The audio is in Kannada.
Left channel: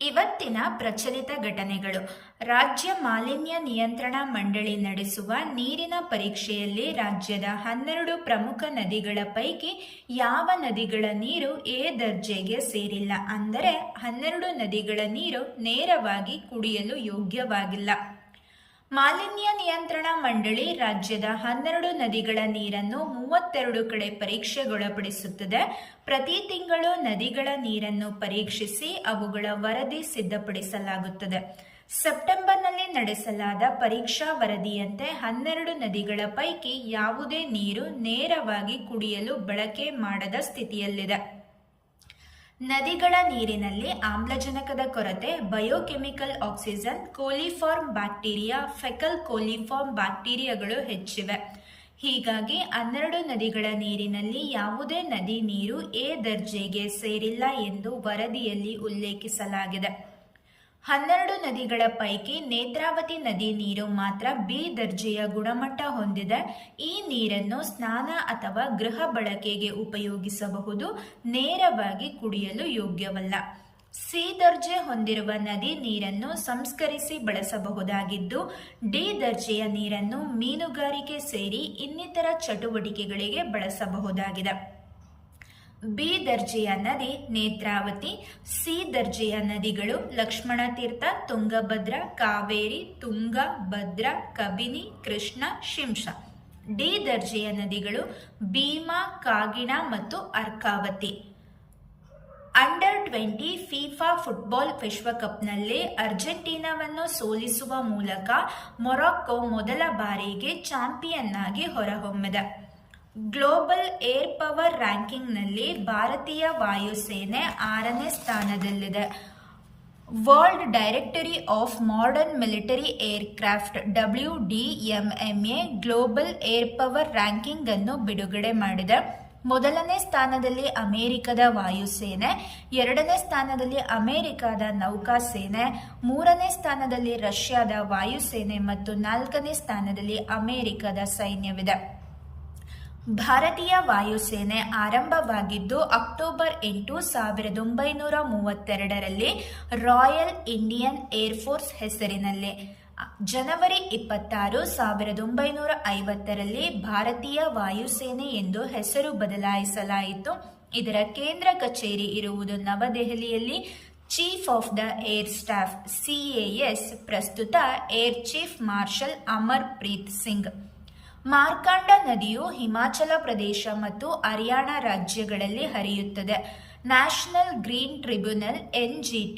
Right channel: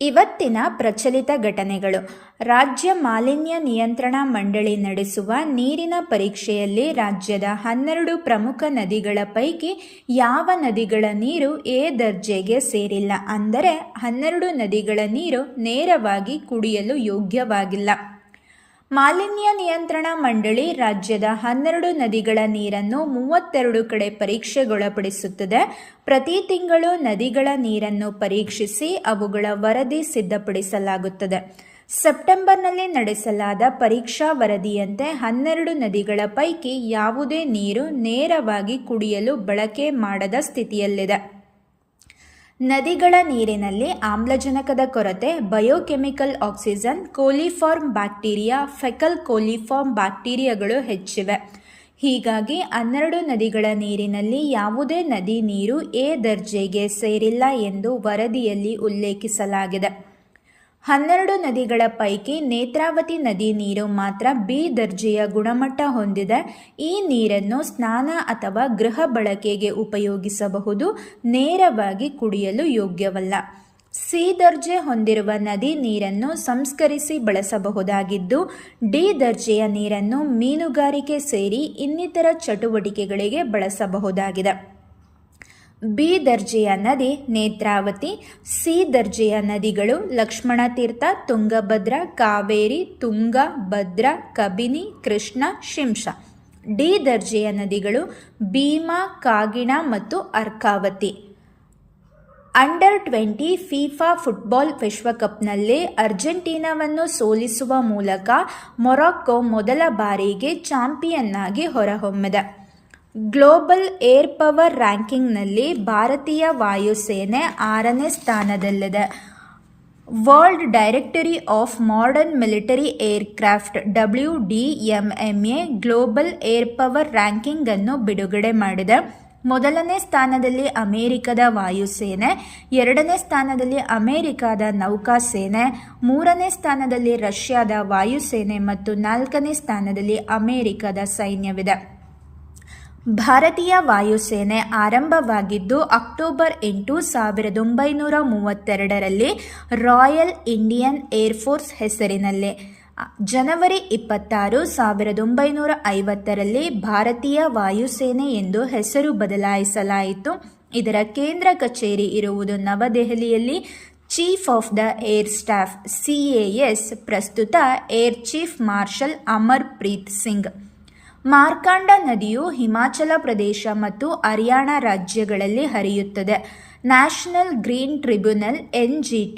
ಇವತ್ತಿನ ಪ್ರಚಲಿತ ಘಟನೆಗಳು. ರಾಜ್ಯ ಮಾಲಿನ್ಯ ನಿಯಂತ್ರಣ ಮಂಡಳಿ ನಡೆಸುವ ನೀರಿನ ಪರೀಕ್ಷೆಯಲ್ಲಿ ರಾಜ್ಯದ 12 ಪ್ರಮುಖ ನದಿಗಳ ಪೈಕಿ ಯಾವ ನದಿಗಳ ನೀರು ಎ ದರ್ಜೆಗೆ ಸೇರಿಲ್ಲ, ಅಂದರೆ 12 ನದಿಗಳ ನೀರು ನೇರವಾಗಿ ಕುಡಿಯಲು ಯೋಗ್ಯವಾಗಿಲ್ಲ. ಮಾಲಿನ್ಯ ನಿಯಂತ್ರಣ ಮಂಡಳಿ ರಾಜ್ಯದ 12 ನದಿಗಳ ನೀರನ್ನು 32 ಕಡೆ ಪರೀಕ್ಷೆಗೊಳಪಡಿಸುತ್ತದೆ. ಪ್ರತಿ ತಿಂಗಳು ನದಿಗಳ ನೀರನ್ನು ಪರೀಕ್ಷಿಸಿ ಅವುಗಳ ವರದಿ ಸಿದ್ಧಪಡಿಸಲಾಗುತ್ತದೆ. ಸೆಪ್ಟೆಂಬರ್ನಲ್ಲಿ ನಡೆಸಲಾದ ಪರೀಕ್ಷಾ ವರದಿಯಂತೆ 12 ನದಿಗಳ ಪೈಕಿ ಯಾವುದೇ ನೀರು ನೇರವಾಗಿ ಕುಡಿಯಲು ಬಳಕೆ ಮಾಡದ ಸ್ಥಿತಿಯಲ್ಲಿದೆ. ನದಿಗಳ ನೀರಿನಲ್ಲಿ ಆಮ್ಲಜನಕದ ಕೊರತೆ, biochemical oxygen, coliform bacteria, faecal coliform ಬ್ಯಾಕ್ಟೀರಿಯಾಗಳು ಹೆಚ್ಚಿವೆ. ಹೀಗಾಗಿ 12 ನದಿಗಳ ನೀರಿನಲ್ಲಿ ಯಾವುದೇ ನದಿ ನೀರು ಎ ದರ್ಜೆಗೆ ಸೇರಿಲ್ಲ ಎಂದು ವರದಿಯಲ್ಲಿ ಉಲ್ಲೇಖಿಸಲಾಗಿದೆ. 12 ನದಿಗಳ ಪೈಕಿ ನೇತ್ರಾವತಿ ನದಿ ನೀರು ಮಾತ್ರ ಬಿ ದರ್ಜೆಯ ಗುಣಮಟ್ಟ ಹೊಂದಿದೆ. ಈ ನೀರನ್ನು ಸ್ನಾನ ಅಥವಾ ಗೃಹ ಬಳಕೆಗೆ ಉಪಯೋಗಿಸಬಹುದು, ನೇರವಾಗಿ ಕುಡಿಯಲು ಯೋಗ್ಯವಲ್ಲ. ಸಿ ದರ್ಜೆ ಹೊಂದಿರುವ ನದಿ ನೀರನ್ನು ಸಂಸ್ಕರಿಸಿ ಬಳಸಬಹುದಾಗಿದ್ದು, ಡಿ ದರ್ಜೆಯ ನೀರನ್ನು ಮೀನುಗಾರಿಕೆ ಸೇರಿ ಇನ್ನಿತರ ಚಟುವಟಿಕೆಗಳಿಗೆ ಬಳಸಬಹುದಾಗಿದೆ. ಬಿ ದರ್ಜೆಯ ನದಿ ನೇತ್ರಾವತಿ. ಸಿ ದರ್ಜೆಯ ನದಿಗಳು ಲಕ್ಷ್ಮಣತೀರ್ಥ, ತುಂಗಭದ್ರಾ, ಕಾವೇರಿ, ತುಂಗಾ, ಭದ್ರಾ, ಕಬಿನಿ, ಕೃಷ್ಣ, ಶಿಂಷಾ. ಡಿ ದರ್ಜೆಯ ನದಿಗಳು ಭೀಮಾ, ಕಾಗಿಣ ಮತ್ತು ಅರ್ಕಾವತಿ. ಅಂಡರ್ 20 ಫಿಫಾ ಫುಟ್ಬಾಲ್ ವಿಶ್ವಕಪ್ನಲ್ಲಿ ಅರ್ಜೆಂಟೀನಾವನ್ನು ಸೋಲಿಸುವ ಮೂಲಕ ಮೊರಾಕ್ಕೊ ಮೊದಲ ಬಾರಿಗೆ ಚಾಂಪಿಯನ್ ಆಗಿ ಹೊರಹೊಮ್ಮಿದೆ. ಗ್ಲೋಬಲ್ ಏರ್ ಪವರ್ ರ್ಯಾಂಕಿಂಗ್ನಲ್ಲಿ ಭಾರತೀಯ ವಾಯುಸೇನೆ 6ನೇ ಸ್ಥಾನದಲ್ಲಿದೆ. World directory of modern military aircraft WDMMA global air power ranking ಅನ್ನು ಬಿಡುಗಡೆ ಮಾಡಿದೆ. ಮೊದಲನೇ ಸ್ಥಾನದಲ್ಲಿ ಅಮೆರಿಕದ ವಾಯುಸೇನೆ, 2ನೇ ಸ್ಥಾನದಲ್ಲಿ ಅಮೆರಿಕದ ನೌಕಾಸೇನೆ, 3ನೇ ಸ್ಥಾನದಲ್ಲಿ ರಷ್ಯಾದ ವಾಯುಸೇನೆ ಮತ್ತು 4ನೇ ಸ್ಥಾನದಲ್ಲಿ ಅಮೆರಿಕದ ಸೈನ್ಯವಿದೆ. ಭಾರತೀಯ ವಾಯುಸೇನೆ ಆರಂಭವಾಗಿದ್ದು ಅಕ್ಟೋಬರ್ 8, 1932ರಲ್ಲಿ ರಾಯಲ್ ಇಂಡಿಯನ್ ಏರ್ಫೋರ್ಸ್ ಹೆಸರಿನಲ್ಲಿ. ಜನವರಿ 26, 1950ರಲ್ಲಿ ಭಾರತೀಯ ವಾಯುಸೇನೆ ಎಂದು ಹೆಸರು ಬದಲಾಯಿಸಲಾಯಿತು. ಇದರ ಕೇಂದ್ರ ಕಚೇರಿ ಇರುವುದು ನವದೆಹಲಿಯಲ್ಲಿ. Chief of the air staff CAS ಪ್ರಸ್ತುತ air chief marshal Amar Preet Singh. Markanda ನದಿಯು ಹಿಮಾಚಲ ಪ್ರದೇಶ ಮತ್ತು ಹರಿಯಾಣ ರಾಜ್ಯಗಳಲ್ಲಿ ಹರಿಯುತ್ತದೆ. National green tribunal NGT